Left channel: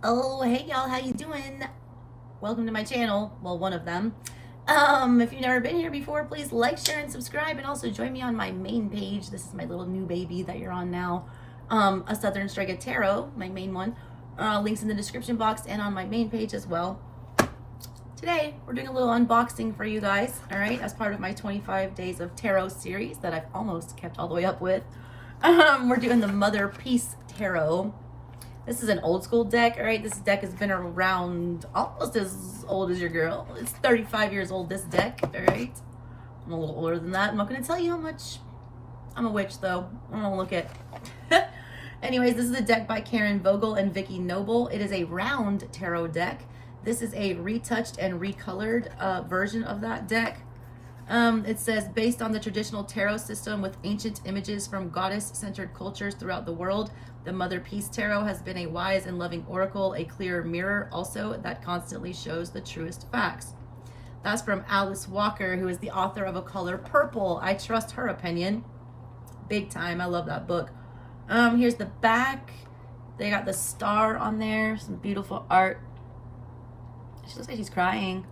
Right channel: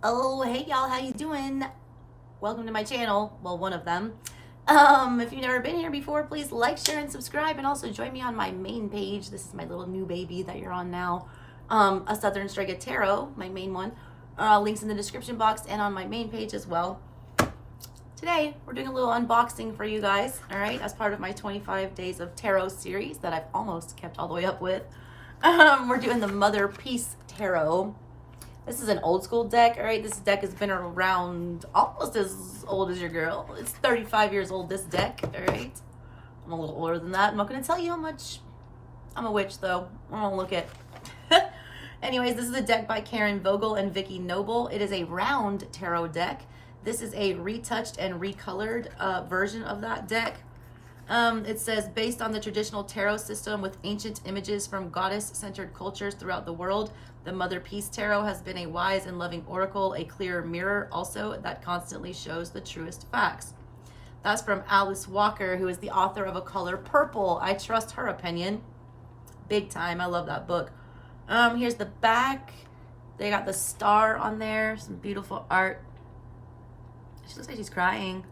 Oh, hey y'all, how you doing? Welcome to my channel. Well, one of them. If you've never been here before, please like, share, and subscribe, and also join me on my main page. This is my little new baby that you're on now. A Southern Strega Tarot, my main one. Links in the description box and on my main page as well. Today, we're doing a little unboxing for you guys, all right, as part of my 25 Days of Tarot series that I've almost kept all the way up with. We're doing the Motherpeace Tarot. This is an old school deck, all right? This deck has been around almost as old as your girl. It's 35 years old, this deck, all right? I'm a little older than that. I'm not going to tell you how much. I'm a witch, though. I don't look it. Anyways, this is a deck by Karen Vogel and Vicky Noble. It is a round tarot deck. This is a retouched and recolored version of that deck. It says, based on the traditional tarot system with ancient images from goddess-centered cultures throughout the world, the Motherpeace Tarot has been a wise and loving oracle, a clear mirror also that constantly shows the truest facts. That's from Alice Walker, who is the author of A Color Purple. I trust her opinion big time. I love that book. Here's the back. They got the star on there, some beautiful art. She looks like she's crying.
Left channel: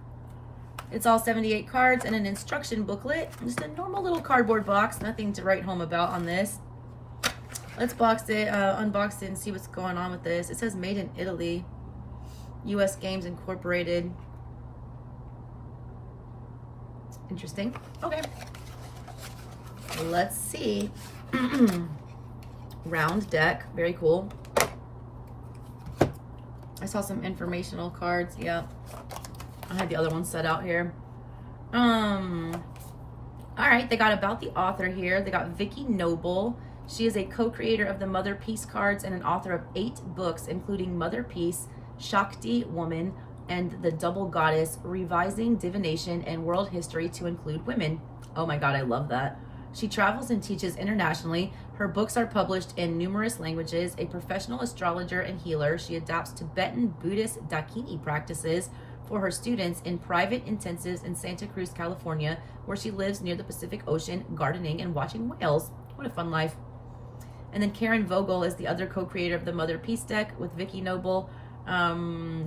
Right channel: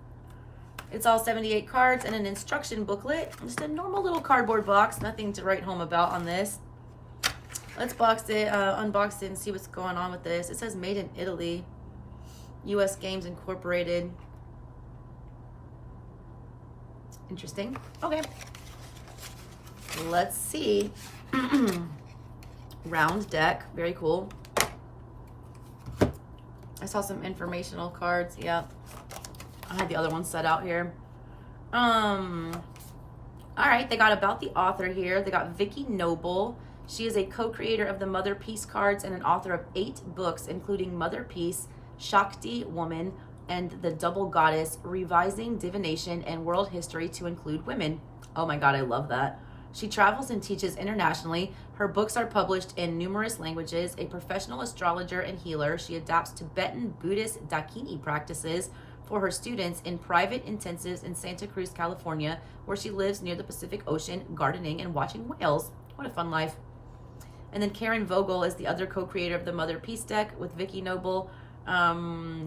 It's all 78 cards and an instruction booklet. Just a normal little cardboard box. Nothing to write home about on this. Let's unbox it and see what's going on with this. It says made in Italy. US Games Incorporated. Interesting. Okay. Let's see. Round deck. Very cool. I saw some informational cards. Yeah. I had the other one set out here. All right, they got about the author here. They got Vicky Noble. She is a co-creator of the Motherpeace cards and an author of 8 books, including Motherpeace, Shakti Woman, and The Double Goddess, Revising Divination and World History to Include Women. Oh my God, I love that. She travels and teaches internationally. Her books are published in numerous languages. A professional astrologer and healer, she adapts Tibetan Buddhist Dakini practices for her students in private intensives in Santa Cruz, California, where she lives near the Pacific Ocean, gardening and watching whales. What a fun life. And then Karen Vogel is the other co-creator of the Motherpeace deck with Vicky Noble.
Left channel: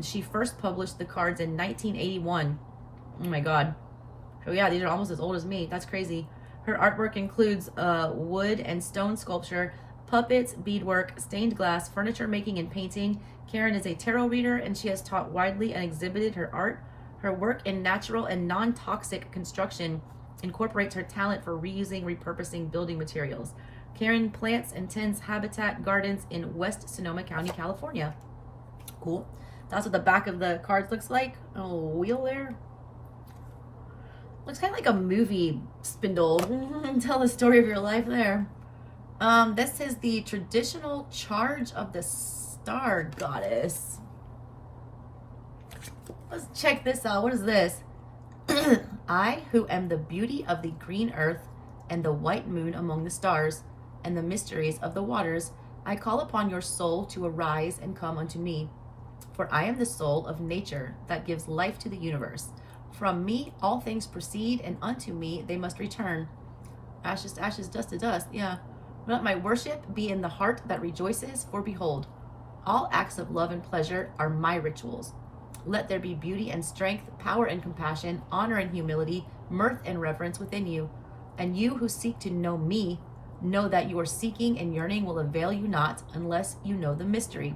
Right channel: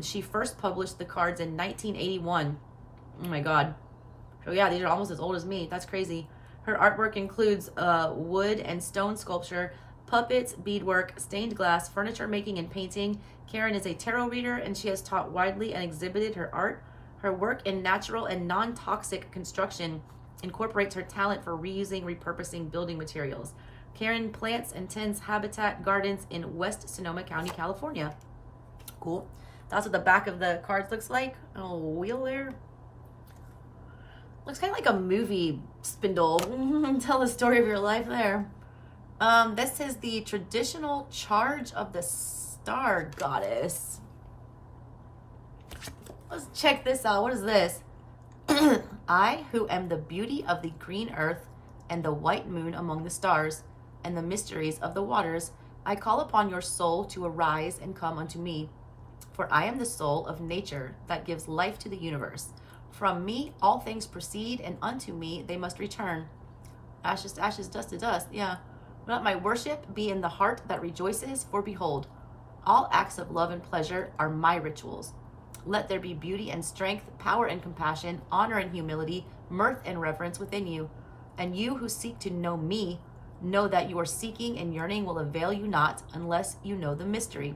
She first published the cards in 1981. Oh my God. So yeah, these are almost as old as me. That's crazy. Her artwork includes wood and stone sculpture, puppets, beadwork, stained glass, furniture making, and painting. Karen is a tarot reader, and she has taught widely and exhibited her art. Her work in natural and non-toxic construction incorporates her talent for reusing, repurposing building materials. Karen plants and tends habitat gardens in West Sonoma County, California. Cool. That's what the back of the cards looks like. Oh, wheel there. Looks kind of like a movie spindle. Tell the story of your life there. This is the traditional charge of the Star Goddess. Let's check this out. What is this? I, who am the beauty of the green earth and the white moon among the stars and the mysteries of the waters, I call upon your soul to arise and come unto me. For I am the soul of nature that gives life to the universe. From me all things proceed, and unto me they must return. Ashes to ashes, dust to dust. Yeah. Let my worship be in the heart that rejoices, for behold, all acts of love and pleasure are my rituals. Let there be beauty and strength, power and compassion, honor and humility, mirth and reverence within you. And you who seek to know me, know that your seeking and yearning will avail you not unless you know the mystery.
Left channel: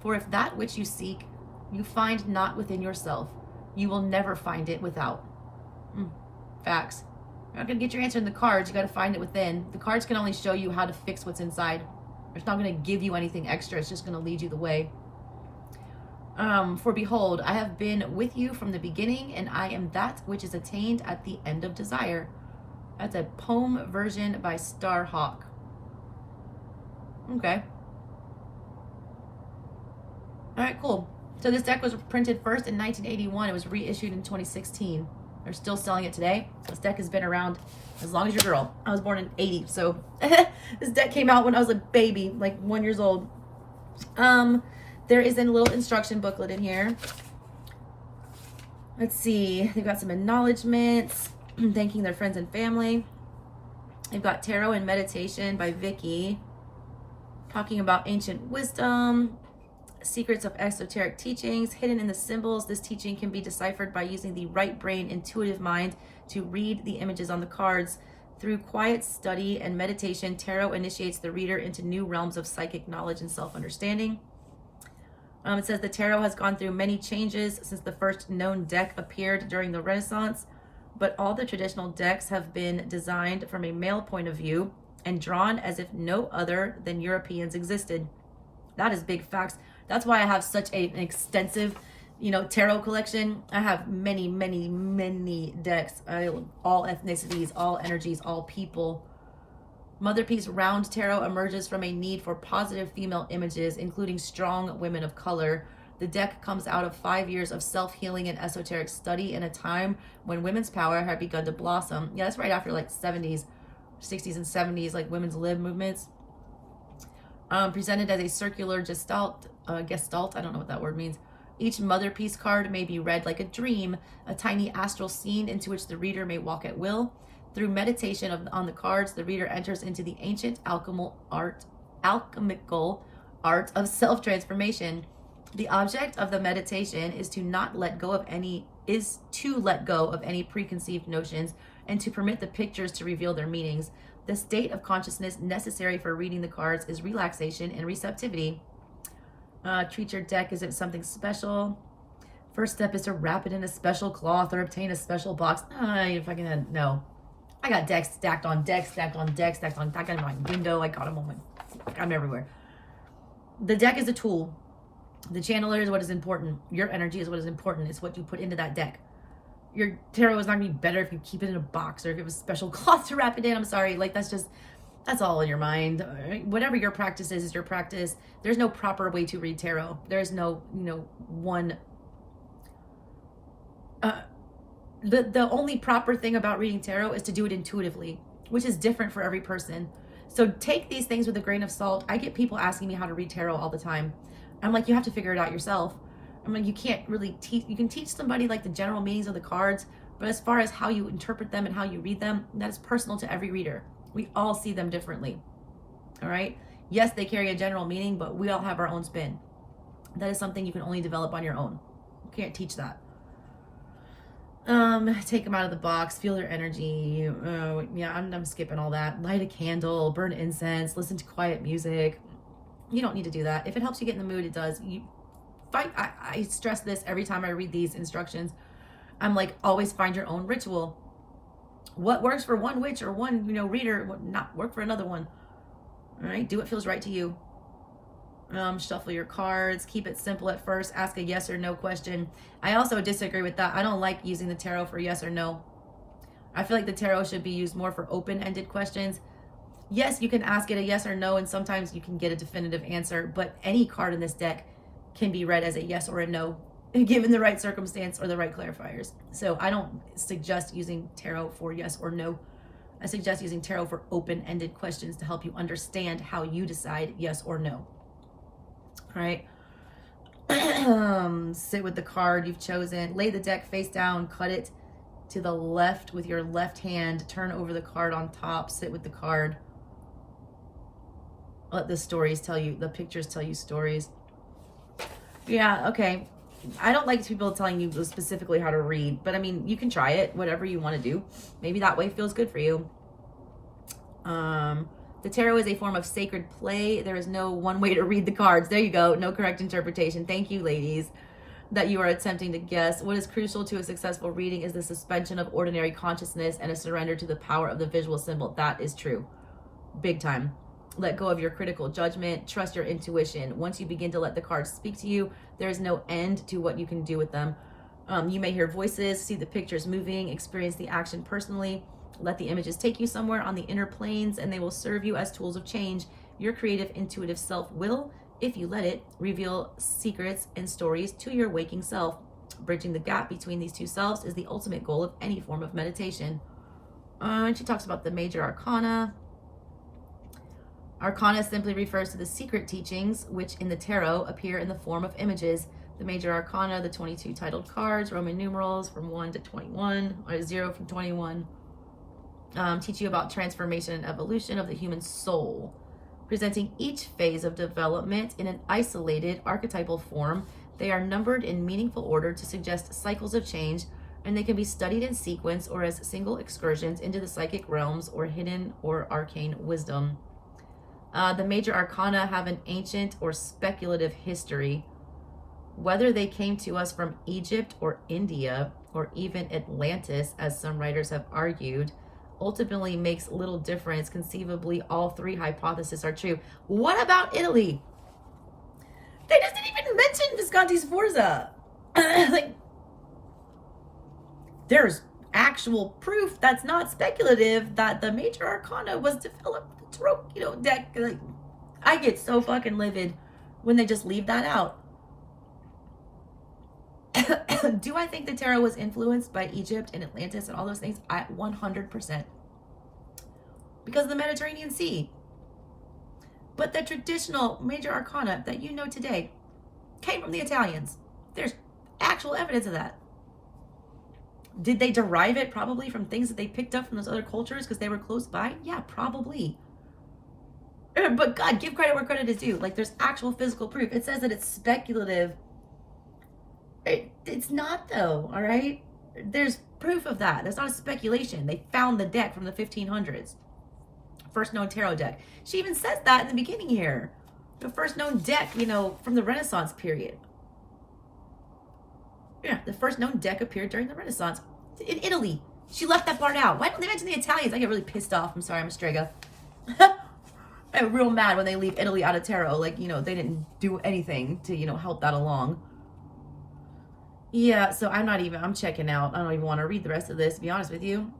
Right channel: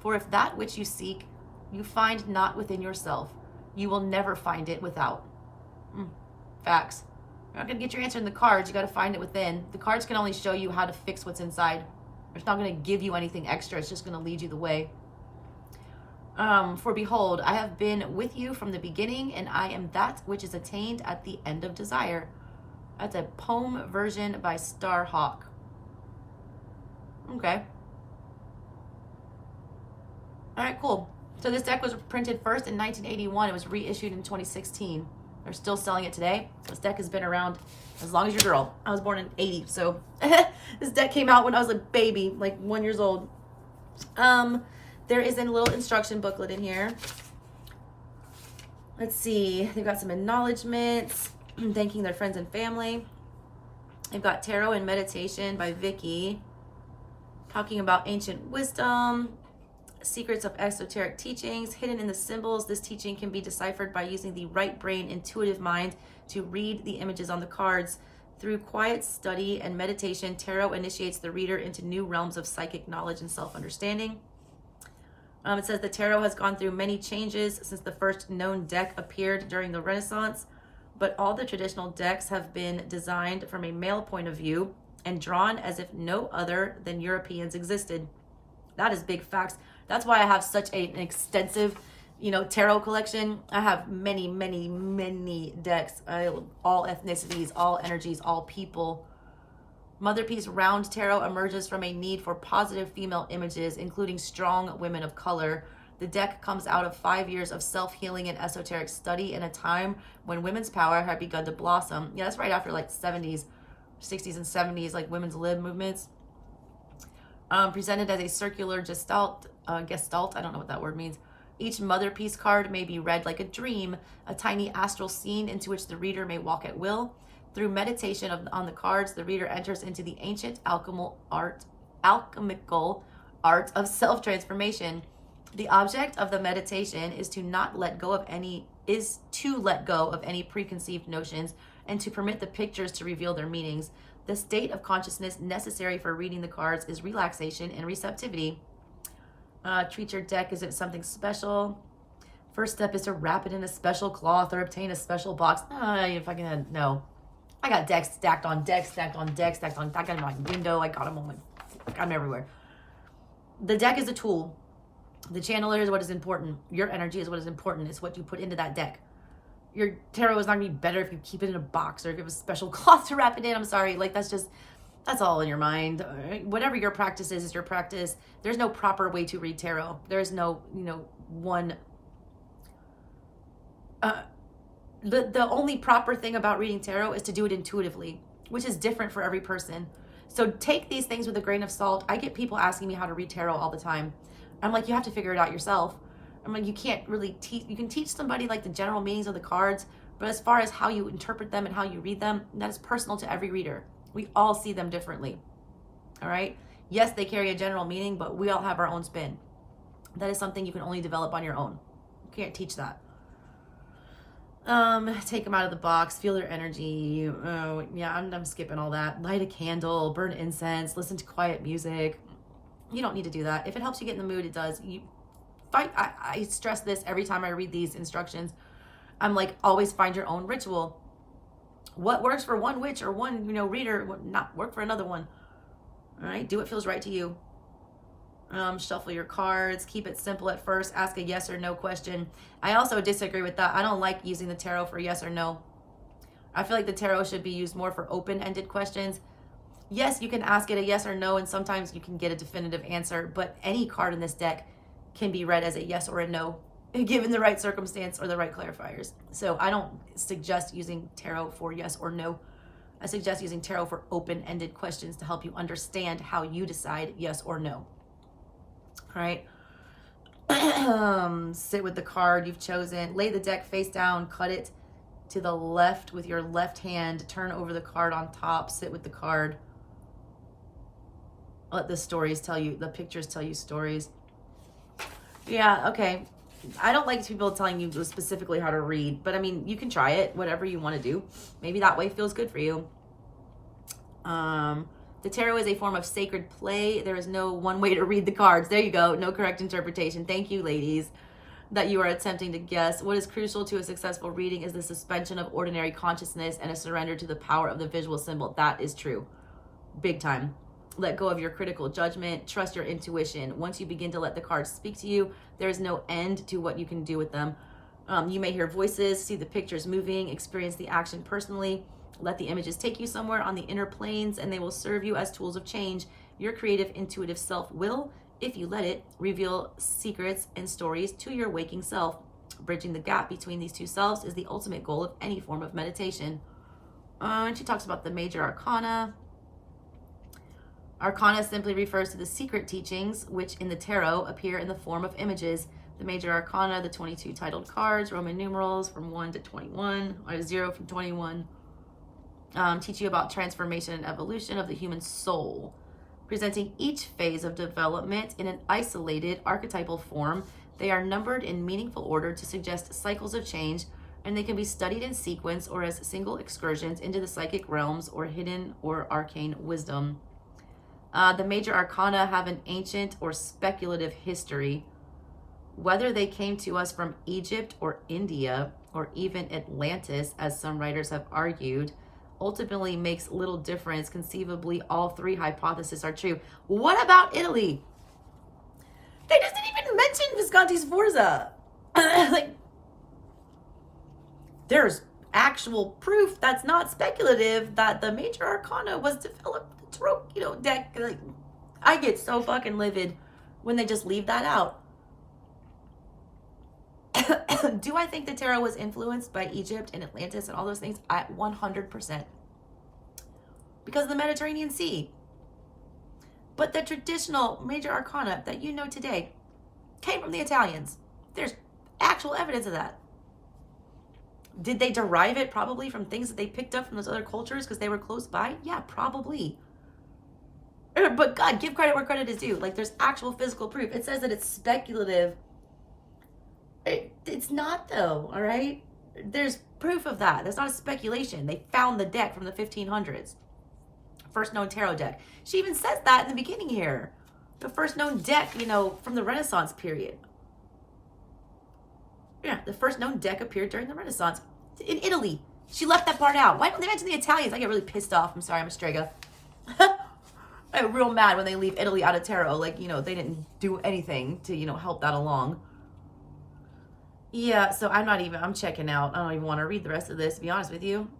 For if that which you seek you find not within yourself, you will never find it without. Facts. You're not going to get your answer in the cards. You got to find it within. The cards can only show you how to fix what's inside. It's not going to give you anything extra. It's just going to lead you the way. For behold, I have been with you from the beginning, and I am that which is attained at the end of desire. That's a poem version by Starhawk. Okay. All right, cool. So this deck was printed first in 1981. It was reissued in 2016. They're still selling it today. So this deck has been around as long as your girl. I was born in 80, so this deck came out when I was a baby, like 1 year old. There is a little instruction booklet in here. Let's see. They've got some acknowledgments, thanking their friends and family. They've got Tarot and Meditation by Vicky, talking about ancient wisdom. secrets of esoteric teachings hidden in the symbols. This teaching can be deciphered by using the right brain intuitive mind to read the images on the cards. Through quiet study and meditation, tarot initiates the reader into new realms of psychic knowledge and self-understanding. It says the tarot has gone through many changes since the first known deck appeared during the Renaissance, but all the traditional decks have been designed from a male point of view and drawn as if no other than Europeans existed. That is big facts. That's why I have such an extensive, tarot collection. I have many, many, many decks. All ethnicities, all energies, all people. Motherpeace Round Tarot emerges from a need for positive female images, including strong women of color. The deck comes out of 5 years of self-healing and esoteric study in a time when women's power had begun to blossom. Yeah, that's right after like 70s, 60s and 70s, like women's lib movements. Presented as a circular gestalt, I don't know what that word means. Each Motherpeace card may be read like a dream, a tiny astral scene into which the reader may walk at will. Through meditation on the cards, the reader enters into the ancient alchemical art of self-transformation. The object of the meditation is to let go of any preconceived notions and to permit the pictures to reveal their meanings. The state of consciousness necessary for reading the cards is relaxation and receptivity. Treat your deck as if something special. First step is to wrap it in a special cloth or obtain a special box. No. I got decks stacked on decks, stacked on decks, stacked on. I got them on my window. I got them I'm everywhere. The deck is a tool. The channeler is what is important. Your energy is what is important. It's what you put into that deck. Your tarot is not gonna be better if you keep it in a box or if you have a special cloth to wrap it in. I'm sorry. That's all in your mind. Whatever your practice is your practice. There's no proper way to read tarot. There's no, one. The only proper thing about reading tarot is to do it intuitively, which is different for every person. So take these things with a grain of salt. I get people asking me how to read tarot all the time. I'm like, you have to figure it out yourself. I'm like, you can't really teach. You can teach somebody like the general meanings of the cards, but as far as how you interpret them and how you read them, that is personal to every reader. We all see them differently. All right. Yes, they carry a general meaning, but we all have our own spin. That is something you can only develop on your own. You can't teach that. Take them out of the box, feel their energy. Oh, yeah, I'm skipping all that. Light a candle, burn incense, listen to quiet music. You don't need to do that. If it helps you get in the mood, it does. I stress this every time I read these instructions. I'm like, always find your own ritual. What works for one witch or one, reader would not work for another one. All right, do what feels right to you. Shuffle your cards, keep it simple at first, ask a yes or no question. I also disagree with that. I don't like using the tarot for yes or no. I feel like the tarot should be used more for open-ended questions. Yes, you can ask it a yes or no, and sometimes you can get a definitive answer, but any card in this deck can be read as a yes or a no, given the right circumstance or the right clarifiers. So I don't suggest using tarot for yes or no. I suggest using tarot for open-ended questions to help you understand how you decide yes or no. All right. Sit with the card you've chosen. Lay the deck face down. Cut it to the left with your left hand. Turn over the card on top. Sit with the card. Let the stories tell you, the pictures tell you stories. Yeah, okay. I don't like people telling you specifically how to read, but I mean, you can try it, whatever you want to do. Maybe that way feels good for you. The tarot is a form of sacred play. There is no one way to read the cards. There you go. No correct interpretation. Thank you, ladies, that you are attempting to guess. What is crucial to a successful reading is the suspension of ordinary consciousness and a surrender to the power of the visual symbol. That is true. Big time. Let go of your critical judgment. Trust your intuition. Once you begin to let the cards speak to you, there is no end to what you can do with them. You may hear voices, see the pictures moving, experience the action personally. Let the images take you somewhere on the inner planes, and they will serve you as tools of change. Your creative, intuitive self will, if you let it, reveal secrets and stories to your waking self. Bridging the gap between these two selves is the ultimate goal of any form of meditation. She talks about the major arcana. Arcana simply refers to the secret teachings, which in the tarot appear in the form of images. The major arcana, the 22 titled cards, Roman numerals from 1 to 21, or 0 from 21, teach you about transformation and evolution of the human soul. Presenting each phase of development in an isolated archetypal form, they are numbered in meaningful order to suggest cycles of change, and they can be studied in sequence or as single excursions into the psychic realms or hidden or arcane wisdom. The major arcana have an ancient or speculative history. Whether they came to us from Egypt or India or even Atlantis, as some writers have argued, ultimately makes little difference. Conceivably, all three hypotheses are true. What about Italy? They just didn't even mention Visconti Sforza. Like, there's actual proof that's not speculative that the major arcana was developed. The tarot, deck. Like, I get so fucking livid when they just leave that out. Do I think the tarot was influenced by Egypt and Atlantis and all those things? 100%. Because of the Mediterranean Sea. But the traditional major arcana that you know today came from the Italians. There's actual evidence of that. Did they derive it probably from things that they picked up from those other cultures because they were close by? Yeah, probably. But God, give credit where credit is due. Like, there's actual physical proof. It says that it's speculative. It's not, though, all right? There's proof of that. That's not a speculation. They found the deck from the 1500s. First known tarot deck. She even says that in the beginning here. The first known deck, from the Renaissance period. Yeah, the first known deck appeared during the Renaissance in Italy. She left that part out. Why didn't they mention the Italians? I get really pissed off. I'm sorry, I'm a Strega. I'm real mad when they leave Italy out of tarot. Like, they didn't do anything to, help that along. Yeah, so I'm checking out. I don't even want to read the rest of this, to be honest with you.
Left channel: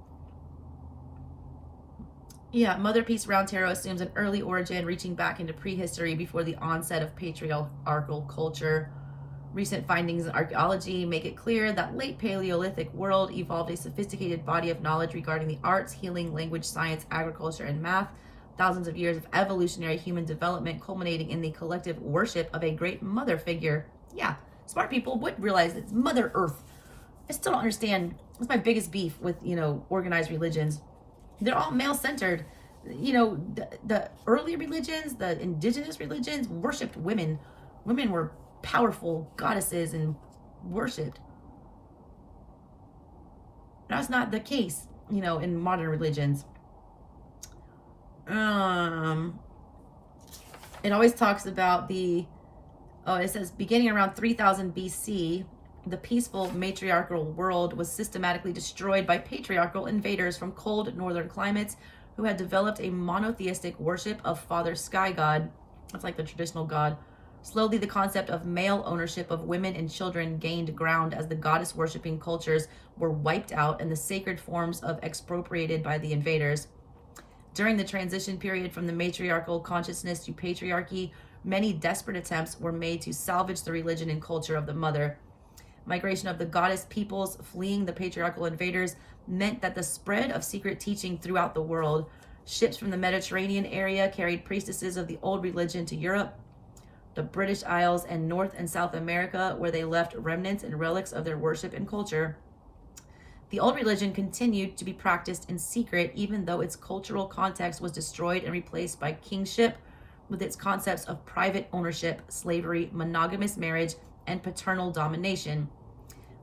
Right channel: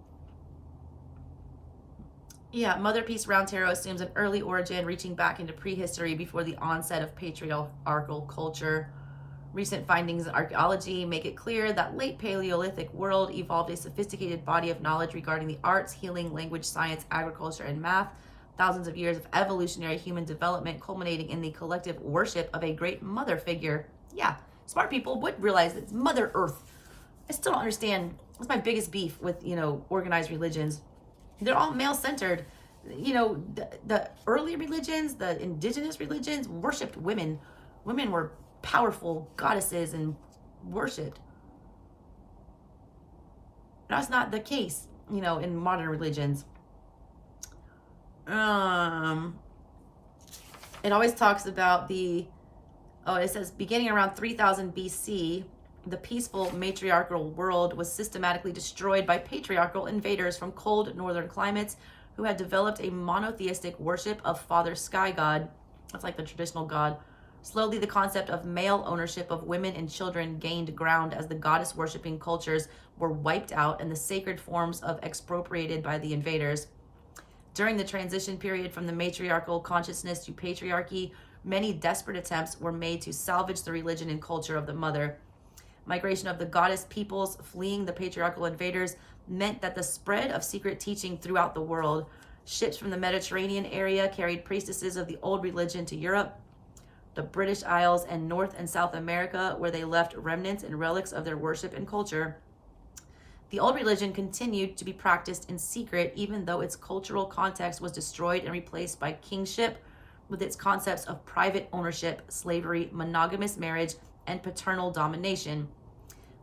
Yeah, Motherpeace Round Tarot assumes an early origin reaching back into prehistory before the onset of patriarchal culture. Recent findings in archaeology make it clear that late Paleolithic world evolved a sophisticated body of knowledge regarding the arts, healing, language, science, agriculture, and math. Thousands of years of evolutionary human development culminating in the collective worship of a great mother figure. Yeah, smart people would realize it's Mother Earth. I still don't understand. That's my biggest beef with, organized religions. They're all male-centered. The early religions, the indigenous religions, worshipped women. Women were powerful goddesses and worshipped. That's not the case, in modern religions. It always talks about it says beginning around 3000 BC, the peaceful matriarchal world was systematically destroyed by patriarchal invaders from cold northern climates who had developed a monotheistic worship of Father Sky God. That's like the traditional god. Slowly, the concept of male ownership of women and children gained ground as the goddess worshipping cultures were wiped out and the sacred forms of expropriated by the invaders. During the transition period from the matriarchal consciousness to patriarchy, many desperate attempts were made to salvage the religion and culture of the mother. Migration of the goddess peoples fleeing the patriarchal invaders meant that the spread of secret teaching throughout the world. Ships from the Mediterranean area carried priestesses of the old religion to Europe, the British Isles, and North and South America, where they left remnants and relics of their worship and culture. The old religion continued to be practiced in secret, even though its cultural context was destroyed and replaced by kingship, with its concepts of private ownership, slavery, monogamous marriage, and paternal domination.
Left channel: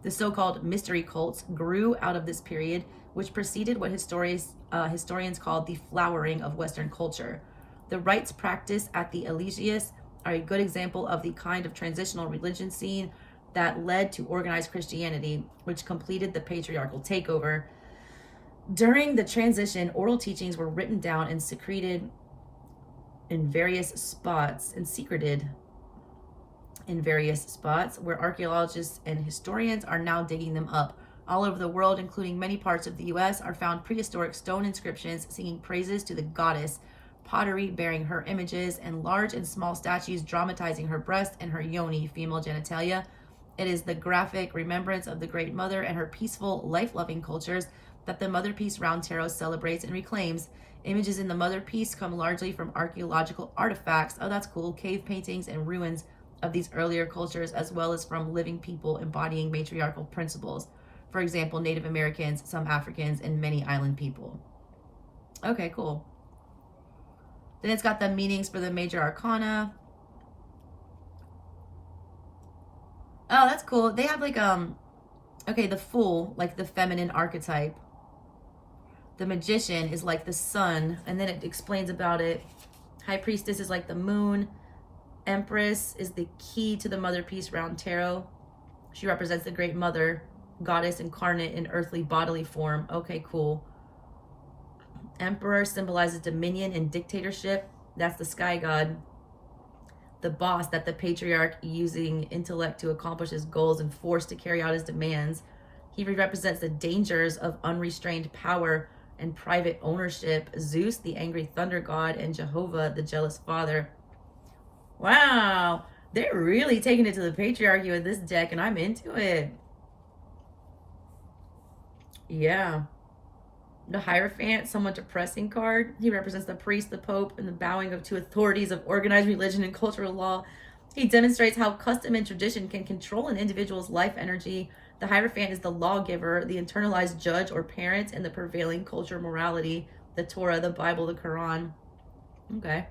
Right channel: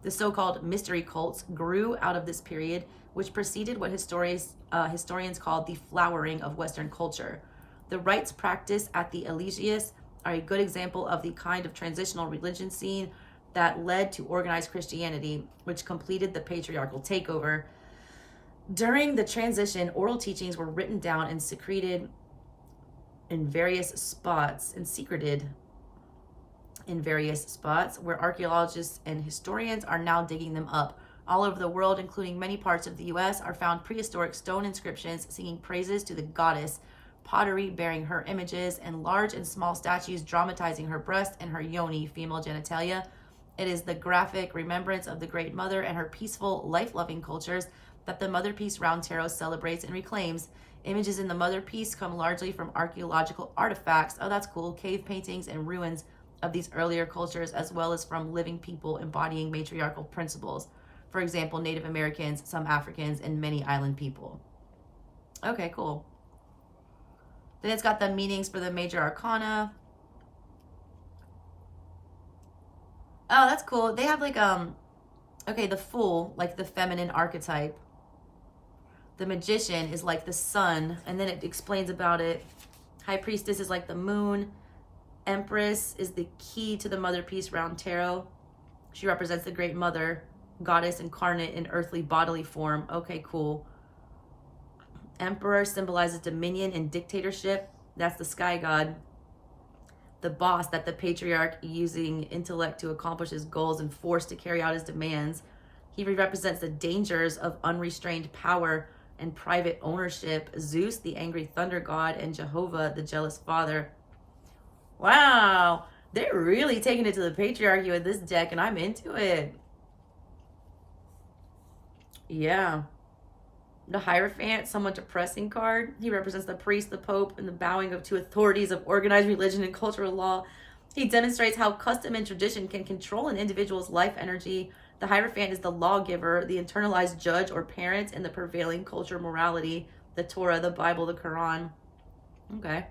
The so-called mystery cults grew out of this period, which preceded what historians called the flowering of Western culture. The rites practiced at the Eliseus are a good example of the kind of transitional religion scene that led to organized Christianity, which completed the patriarchal takeover. During the transition, oral teachings were written down and secreted in various spots, where archaeologists and historians are now digging them up. All over the world, including many parts of the US, are found prehistoric stone inscriptions singing praises to the goddess, pottery bearing her images, and large and small statues dramatizing her breast and her yoni, female genitalia. It is the graphic remembrance of the Great Mother and her peaceful, life-loving cultures that the Motherpeace Round Tarot celebrates and reclaims. Images in the Motherpeace come largely from archaeological artifacts, oh that's cool, cave paintings and ruins of these earlier cultures, as well as from living people embodying matriarchal principles. For example, Native Americans, some Africans, and many island people. Okay, cool. Then it's got the meanings for the major arcana. Oh, that's cool. They have like, okay, the Fool, like the feminine archetype. The Magician is like the sun, and then it explains about it. High Priestess is like the moon. Empress is the key to the Motherpeace round tarot. She represents the Great Mother, goddess incarnate in earthly bodily form. Okay, cool. Emperor symbolizes dominion and dictatorship. That's the sky god. The boss, that the patriarch using intellect to accomplish his goals and force to carry out his demands. He represents the dangers of unrestrained power and private ownership. Zeus, the angry thunder god, and Jehovah, the jealous father. Wow, they're really taking it to the patriarchy with this deck, and I'm into it. Yeah. The Hierophant, somewhat depressing card. He represents the priest, the pope, and the bowing of to authorities of organized religion and cultural law. He demonstrates how custom and tradition can control an individual's life energy. The Hierophant is the lawgiver, the internalized judge or parent in the prevailing culture morality, the Torah, the Bible, the Quran. Okay.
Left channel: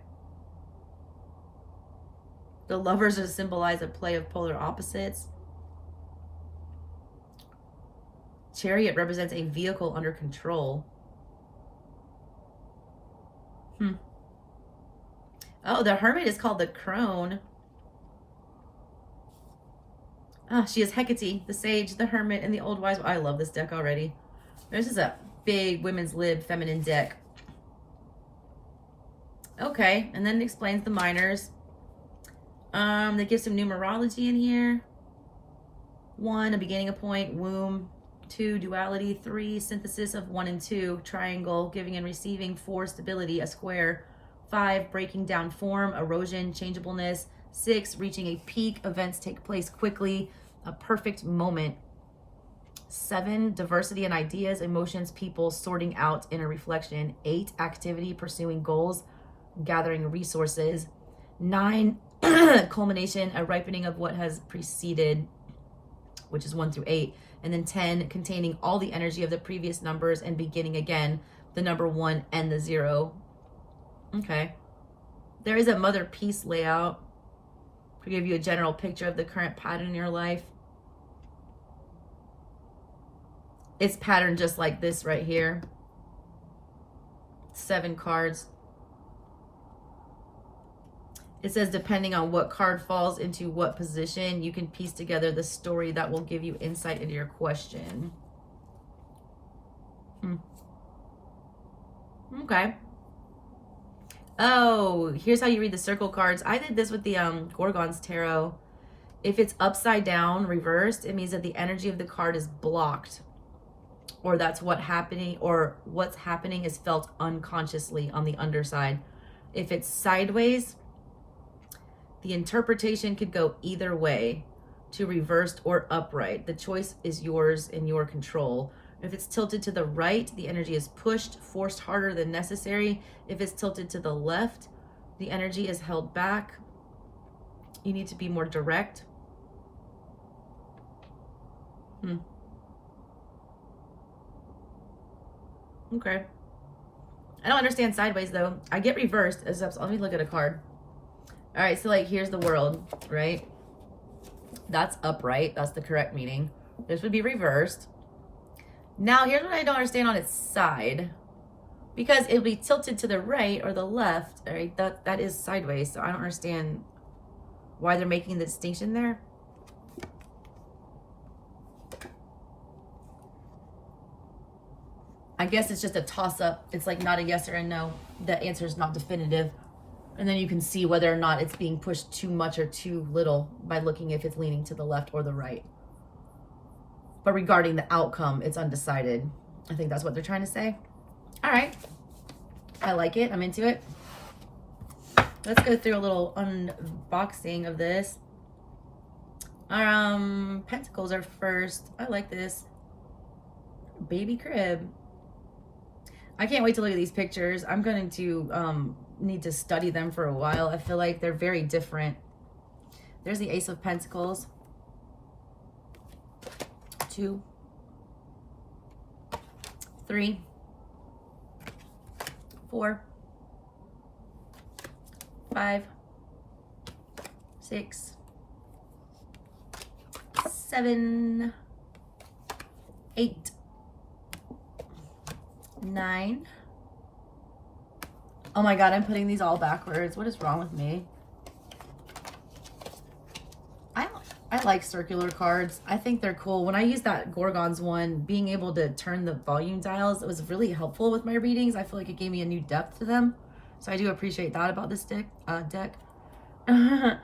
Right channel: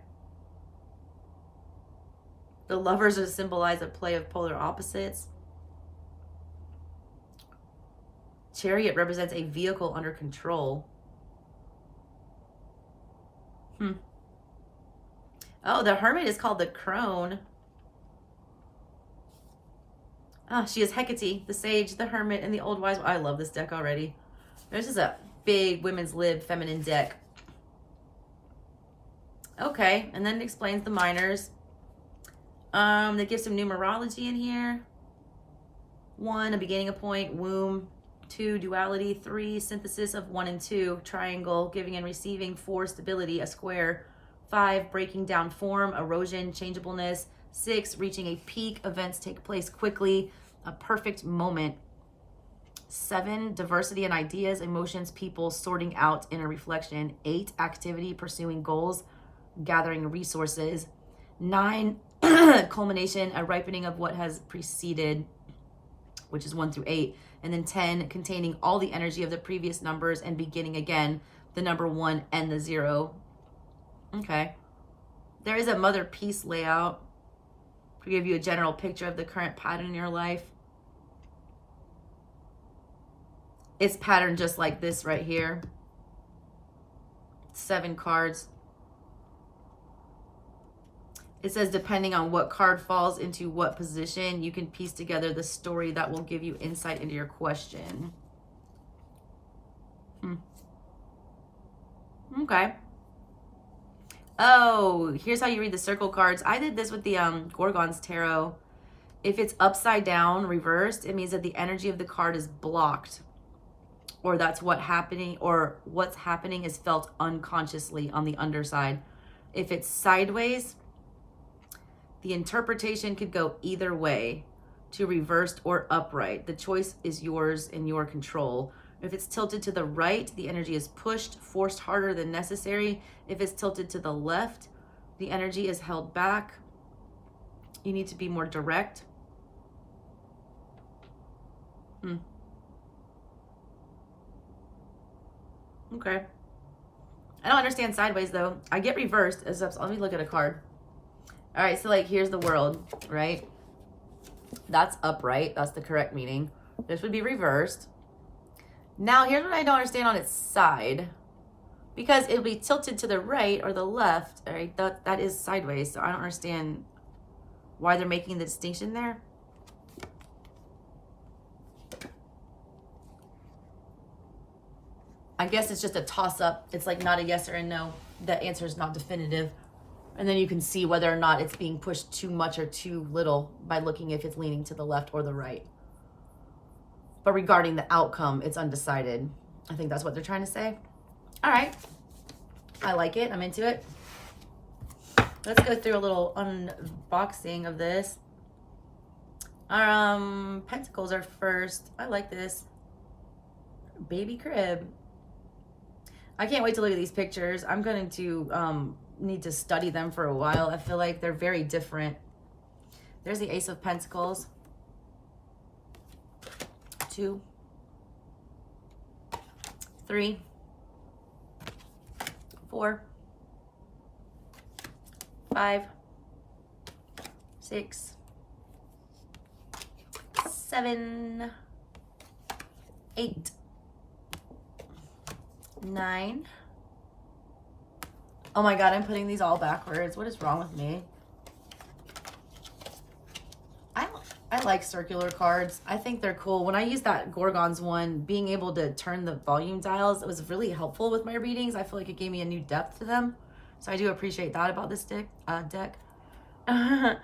The Lovers are symbolize a play of polar opposites. Chariot represents a vehicle under control. Oh, the Hermit is called the Crone. Oh, she is Hecate, the Sage, the Hermit, and the Old Wise. I love this deck already. This is a big women's lib feminine deck. Okay, and then it explains the minors. They give some numerology in here. 1, a beginning, a point, womb. 2, duality. 3, synthesis of 1 and 2, triangle, giving and receiving. 4, stability, a square. 5, breaking down form, erosion, changeableness. 6, reaching a peak, events take place quickly, a perfect moment. 7, diversity and ideas, emotions, people, sorting out, inner reflection. 8, activity, pursuing goals, gathering resources. 9, culmination, a ripening of what has preceded, which is 1 through 8. And then 10, containing all the energy of the previous numbers and beginning again, the number 1 and the 0. Okay. There is a Motherpeace layout to give you a general picture of the current pattern in your life. It's patterned just like this right here. 7 cards. It says, depending on what card falls into what position, you can piece together the story that will give you insight into your question. Okay. Oh, here's how you read the circle cards. I did this with the Gorgon's Tarot. If it's upside down, reversed, it means that the energy of the card is blocked. Or that's what's happening is felt unconsciously on the underside. If it's sideways, the interpretation could go either way, to reversed or upright. The choice is yours in your control. If it's tilted to the right, the energy is pushed, forced harder than necessary. If it's tilted to the left, the energy is held back. You need to be more direct. Okay. I don't understand sideways though. I get reversed. Let me look at a card. All right, so like here's the World, right? That's upright. That's the correct meaning. This would be reversed. Now here's what I don't understand on its side. Because it'll be tilted to the right or the left, right? That is sideways, so I don't understand why they're making the distinction there. I guess it's just a toss-up. It's like not a yes or a no. The answer is not definitive. And then you can see whether or not it's being pushed too much or too little by looking if it's leaning to the left or the right. But regarding the outcome, it's undecided. I think that's what they're trying to say. All right. I like it. I'm into it. Let's go through a little unboxing of this. Pentacles are first. I like this. Baby crib. I can't wait to look at these pictures. I'm going to need to study them for a while. I feel like they're very different. There's the Ace of Pentacles. 2, 3, 4, 5, 6, 7, 8, 9. Oh my God, I'm putting these all backwards. What is wrong with me? I like circular cards. I think they're cool. When I used that Gorgons one, being able to turn the volume dials, it was really helpful with my readings. I feel like it gave me a new depth to them. So I do appreciate that about this deck. 10.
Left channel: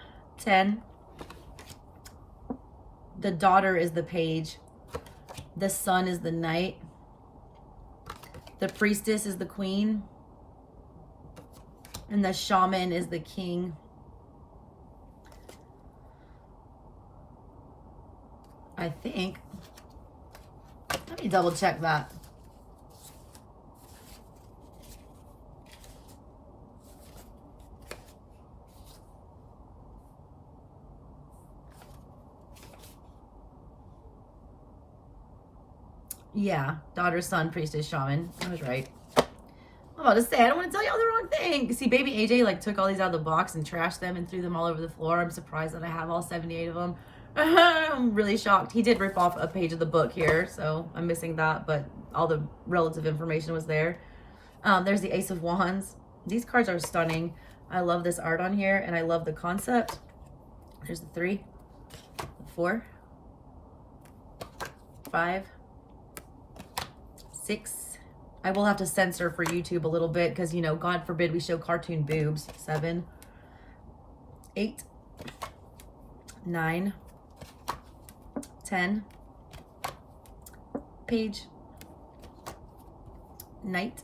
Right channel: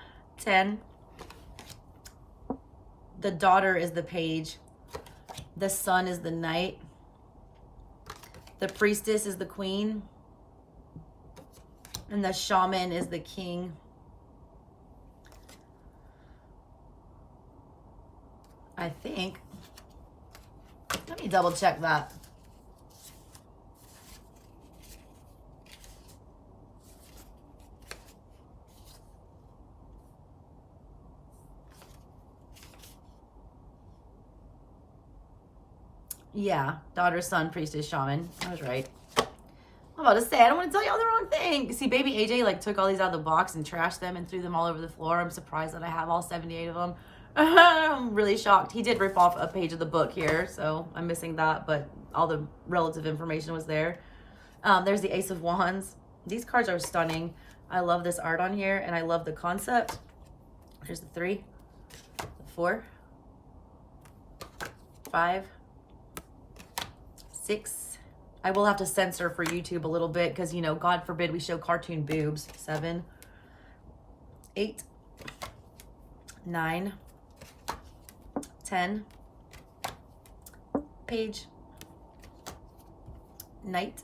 The daughter is the page. The sun is the knight. The priestess is the queen. And the shaman is the king. I think. Let me double check that. Yeah, daughter, son, priestess, shaman. I was right. I'm about to say, I don't want to tell y'all the wrong thing. See, baby AJ like took all these out of the box and trashed them and threw them all over the floor. I'm surprised that I have all 78 of them. I'm really shocked. He did rip off a page of the book here, so I'm missing that, but all the relative information was there. There's the Ace of Wands. These cards are stunning. I love this art on here, and I love the concept. Here's the 3, the 4, 5, 6. I will have to censor for YouTube a little bit because, you know, God forbid we show cartoon boobs. 7, 8, 9, 10, page, knight,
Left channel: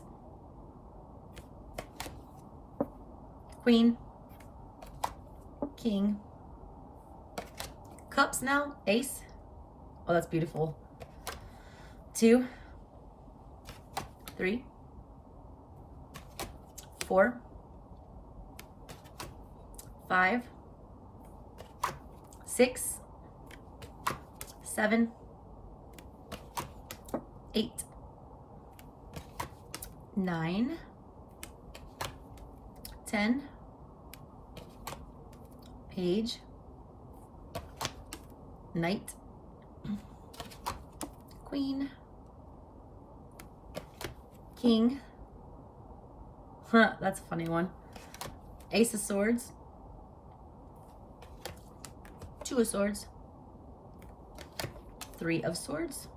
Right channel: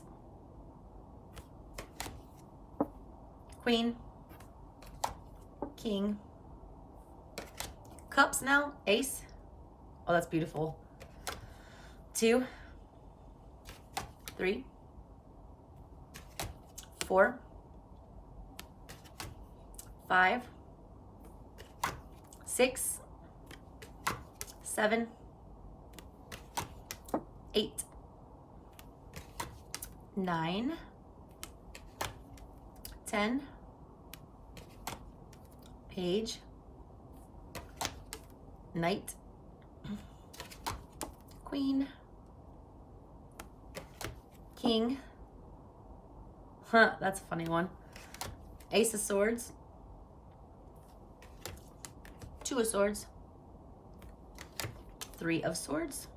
queen, king, cups now, ace. Oh, that's beautiful. 2, 3, 4, 5, 6, 7, 8, 9, 10, page, knight, queen, king. That's a funny one. Ace of Swords, 2 of Swords, 3 of Swords,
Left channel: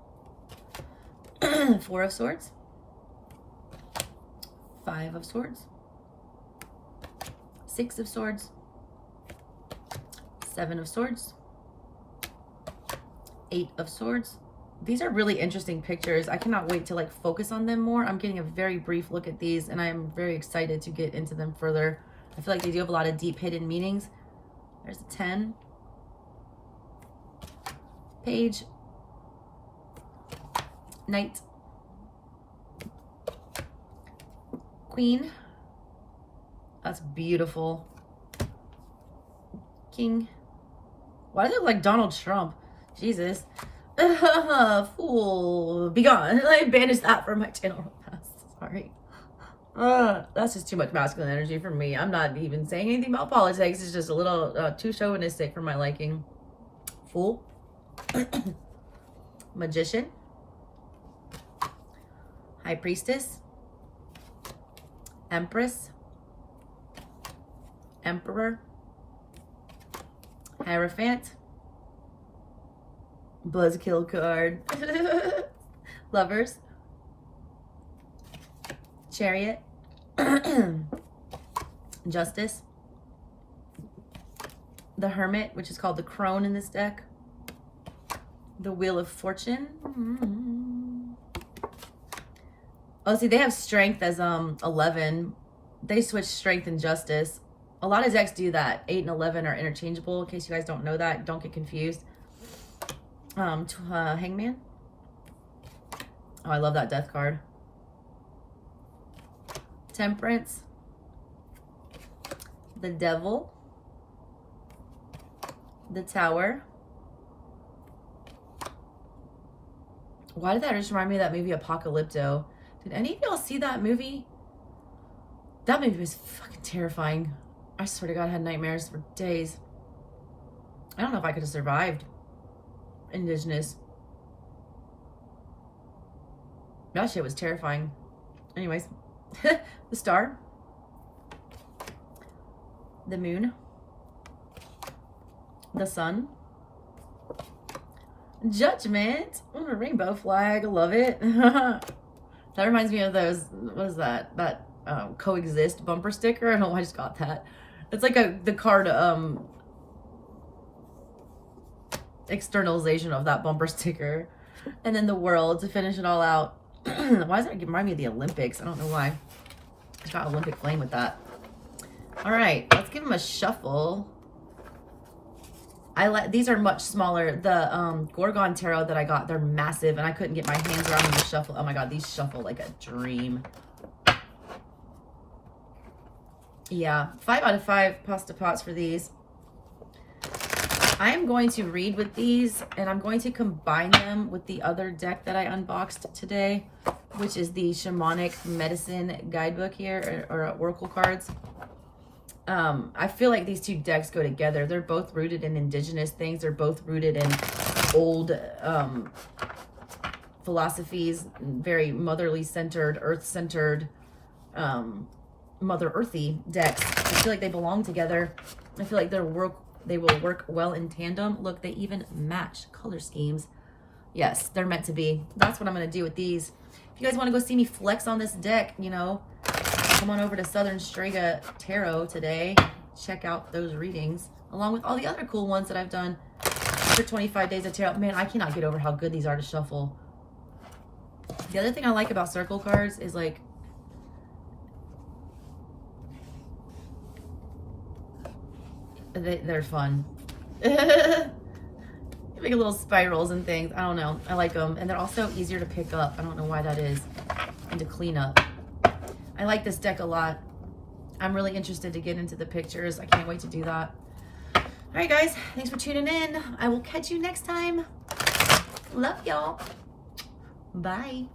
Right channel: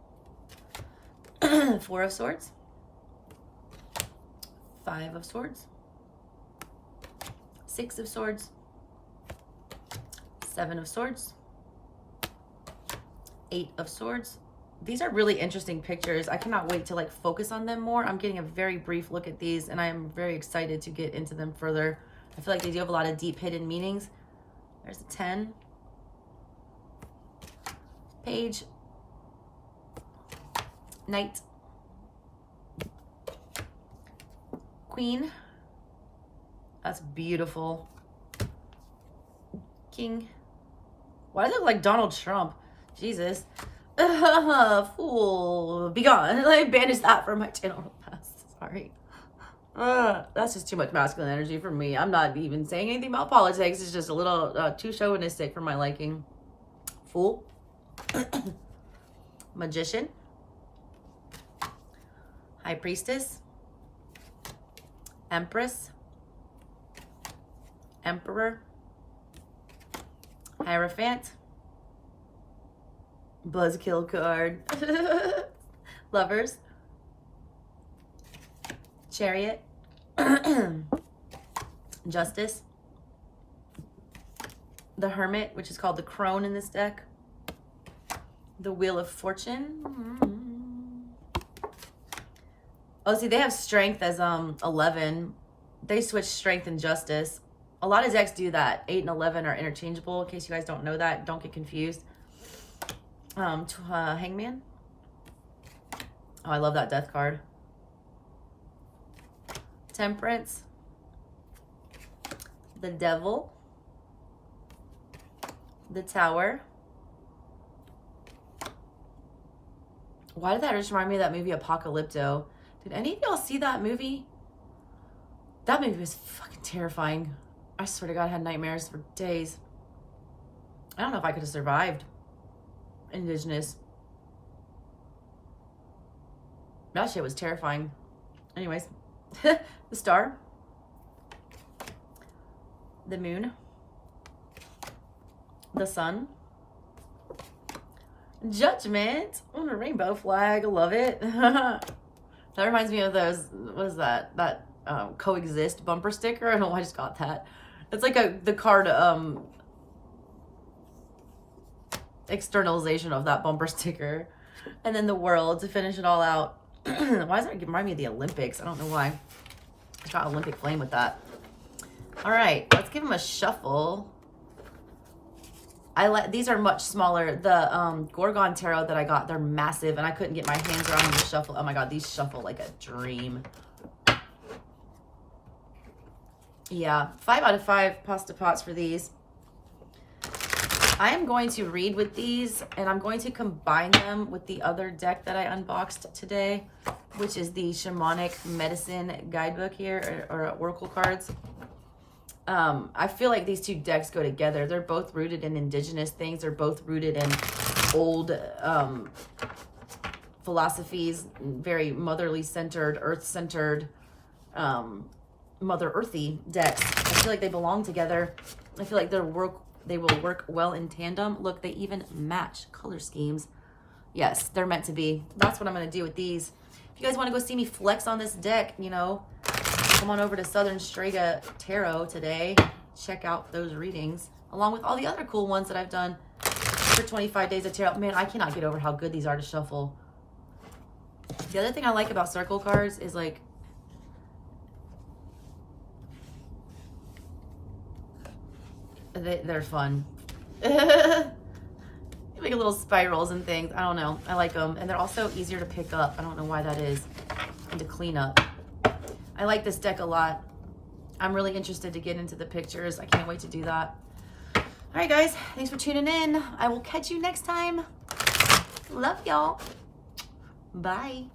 4 of Swords, 5 of Swords, 6 of Swords, 7 of Swords, 8 of Swords. These are really interesting pictures. I cannot wait to like focus on them more. I'm getting a very brief look at these and I'm very excited to get into them further. I feel like they do have a lot of deep hidden meanings. There's a 10, page, knight, queen. That's beautiful. King. Why does it look like Donald Trump? Jesus. Fool. Be gone. Like, banish that from my channel. Sorry. That's just too much masculine energy for me. I'm not even saying anything about politics. It's just a little too chauvinistic for my liking. Fool. Magician. High Priestess. Empress. Emperor. Hierophant. Buzzkill card. Lovers. Chariot. Justice. The Hermit, which is called the Crone in this deck. The Wheel of Fortune. Oh, see, they have Strength as 11. They switch Strength and Justice. A lot of decks do that. 8 and 11 are interchangeable. In case you guys don't know that, don't get confused. Hangman. Oh, I love that death card. Temperance. The Devil. The Tower. Why did that just remind me of that movie Apocalypto? Did any of y'all see that movie? That movie was fucking terrifying. I swear to God, I had nightmares for days. I don't know if I could have survived Indigenous. That shit was terrifying. Anyways, the star, the moon, the sun, judgment on a rainbow flag. I love it. That reminds me of those, what is that? That coexist bumper sticker. I don't know why I just got that. It's like the card externalization of that bumper sticker. And then the world to finish it all out. Why does that remind me of the Olympics? I don't know why. I got Olympic flame with that. All right, let's give them a shuffle. I like, these are much smaller. The Gorgon Tarot that I got, they're massive, and I couldn't get my hands around them to shuffle. Oh my God, these shuffle like a dream. Yeah, 5 out of 5 pasta pots for these. I am going to read with these, and I'm going to combine them with the other deck that I unboxed today, which is the Shamanic Medicine Guidebook here, or Oracle cards. I feel like these two decks go together. They're both rooted in Indigenous things. They're both rooted in old philosophies, very motherly centered, earth centered, Mother Earthy decks. I feel like they belong together. I feel like they will work well in tandem. Look, they even match color schemes. Yes, they're meant to be. That's what I'm going to do with these. If you guys want to go see me flex on this deck, you know, come on over to Southern Strega Tarot today. Check out those readings, along with all the other cool ones that I've done for 25 days of tarot. Man, I cannot get over how good these are to shuffle. The other thing I like about circle cards is, like, they're fun. Make little spirals and things. I don't know. I like them. And they're also easier to pick up. I don't know why that is. And to clean up. I like this deck a lot. I'm really interested to get into the pictures. I can't wait to do that. All right, guys. Thanks for tuning in. I will catch you next time. Love y'all. Bye.